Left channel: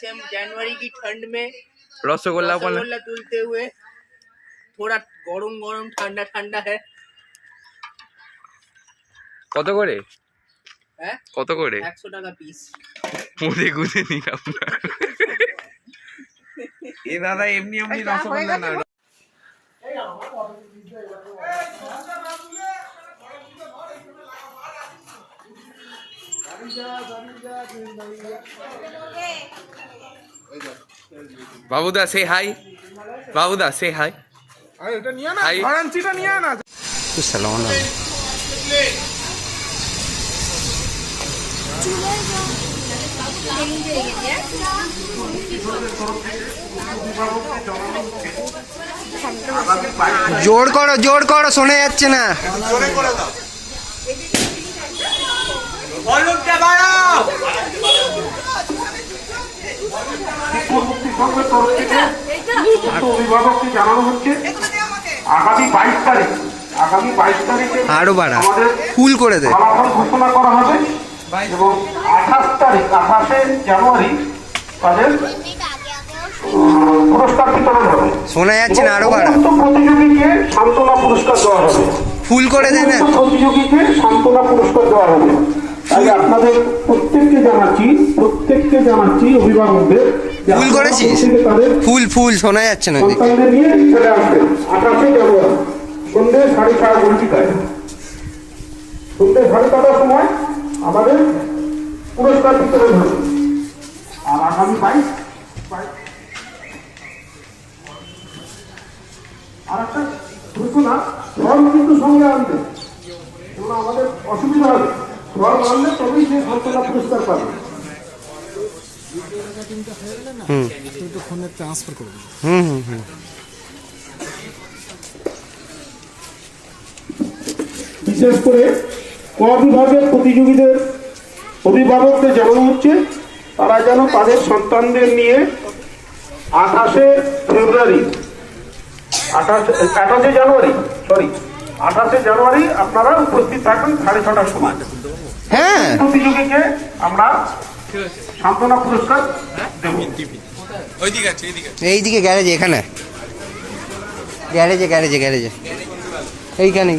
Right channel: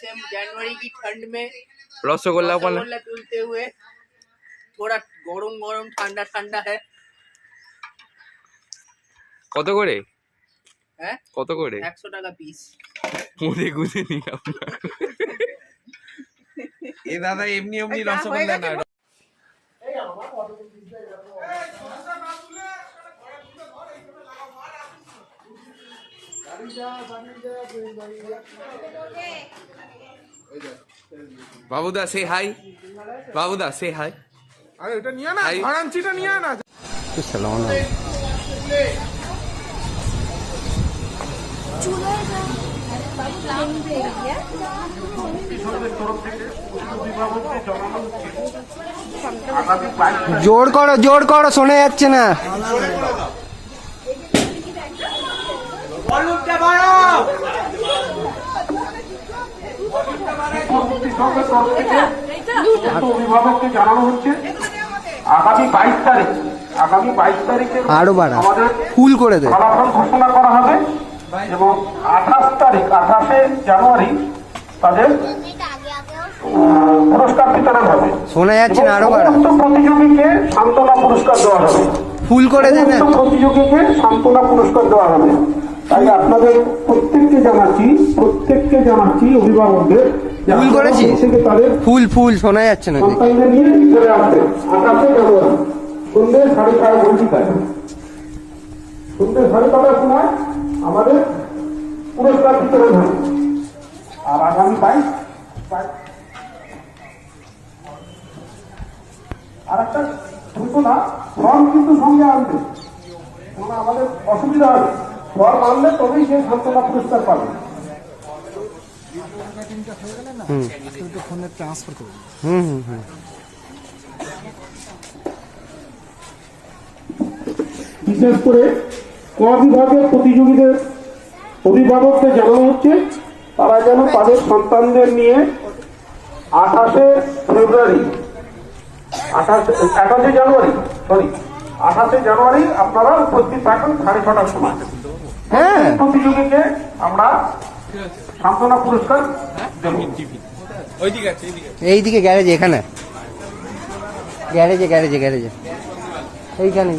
Same जनवरी की ठंड में रसगोल्ला तुलते हुए थोड़ा गरम गरम ठंडा ठंडा है। কত করে? হ্যাঁ কত করে? 100 টাকা পিস। মুদে গুদে নিলাম না। এ দাদা এমনি এমনি রসগোল্লা না। বাবুদা সে হাই, বাবুদা সে হাই। আরে এটা নিয়ে না, ফারাঞ্চিটা নিয়ে না। তো সালাম না। জোর করো শোনা যাচ্ছে না। অভিভাবককে জানানো হচ্ছে আগামী 22 তারিখে আরো বাড়া ফুল করে দেয়, ফলাফল ঘোষণা করা হবে এবং 28 জানুয়ারি তাদের পুরস্কার বিতরণ হবে। শোনা যাচ্ছে না, আরো বাড়া প্রতিযোগীকে সান্ত্বনা পুরস্কার দেওয়া হবে। ফুল করে দেয় না, প্রতিযোগীকে সান্ত্বনা পুরস্কার দেওয়া হবে। তাই আপনাদের প্রত্যেককে জানাচ্ছি অভিভাবকদের ফুল করেছিস? ফুল শোনা যাচ্ছে না। নিয়ে চলে আসবে 28 জানুয়ারি সন্ধ্যে 5:30 সন্ধ্যে 5:30 সময় আমাদের পুরস্কার বিতরণ হবে। আর আগামী 22 আর একটা ঘোষণা, ফর্ম কিন্তু সঙ্গে আনবে, আমাদের অসুবিধা হবে। ফর্ম আনলে তবেই সেই সান্ত্বনা পুরস্কার পাবে। বিশেষ করে ক বিভাগের প্রতিযোগীদের অভিভাবকদের জানানো হচ্ছে তারা যেন তাদের সন্তানদের নিয়ে 28 জানুয়ারি আপনারা উপস্থিত থাকবেন 6:30 সময়। প্রতিযোগীকে আমরা সান্ত্বনা পুরস্কার দেব। এইদিকে গ্যারেজে, এখানে গ্যারেজে এইখানে